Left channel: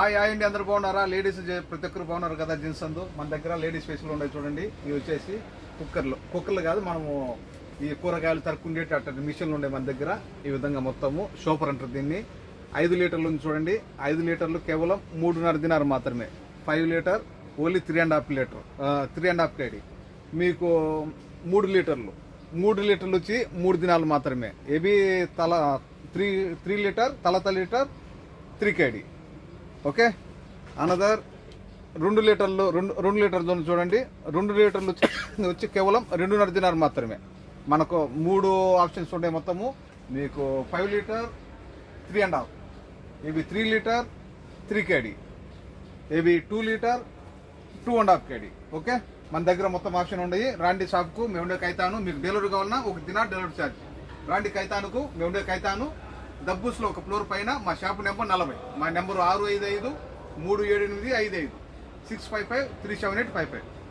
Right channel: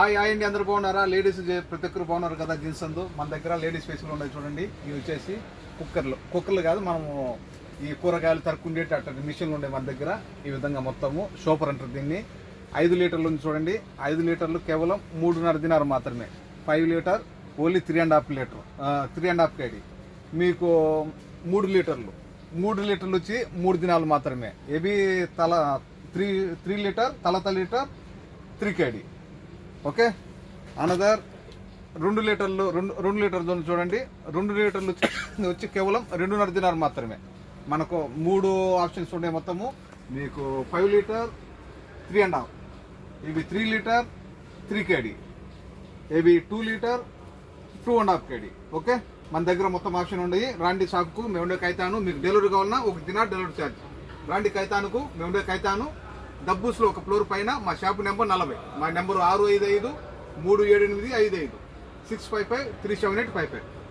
అండి, అందరూ బాగున్నారా? లేడీస్ ప్రతి ఒక్కరు బాగున్నారు కదా. జీన్స్ అందు మన దగ్గర లేడీస్ స్పెషల్ ఉన్నాయి చూడండి. ఇవి వచ్చేసి కుక్కర్లు కాదు, మనము ఈ కూరగాయలు తరుక్కుండేటి అట్ట మిషన్లు ఉండే మన దగ్గర. ఈ విధంగా మొత్తము షోపర్ అంటారు దీన్ని. 5 లీటర్లు ఉంది చూడండి. 5 లీటర్లు కేవలం 3.5 దినారు మాత్రమే. 5 లీటర్ ఓన్లీ 3.5 లీటర్, 3.5 కేడీ. మీకు 3 లీటర్లు వచ్చి 3 దినాలు మాత్రమే. ఏబీ తల 3 లీటర్, తల లీటర్ 3 కేడీ. ఓకే. అనదర్ 2 లీటర్లు చూడండి. 2 లీటర్లు వచ్చి కేవలం 2.5 దినారు మాత్రమే. మనకు 3 ఆప్షన్స్ ఉన్నాయి మొత్తము. మీకు 5 లీటర్ 3.5, ఇవి 3 లీటర్ 3 కేడీ, ఇవి 2 లీటర్ 2.5 కేడీ. ఓకే. మన దగ్గర మొత్తం ఆప్షన్ ఉన్నాయి. రాండి షాప్కు, మేము ఉండే కైతాను. మీకు డెలివరీ కావాలన్నా 1 దినార్ డెలివరీ ఛార్జ్. రాండి కైతానుకు, మేము ఉండే కైతాను డబ్బుస్లో ఒక ఫ్లోర్ పైన. మా షాపు నెంబర్ 40. మా నెంబరు 655 378 55 655 37855.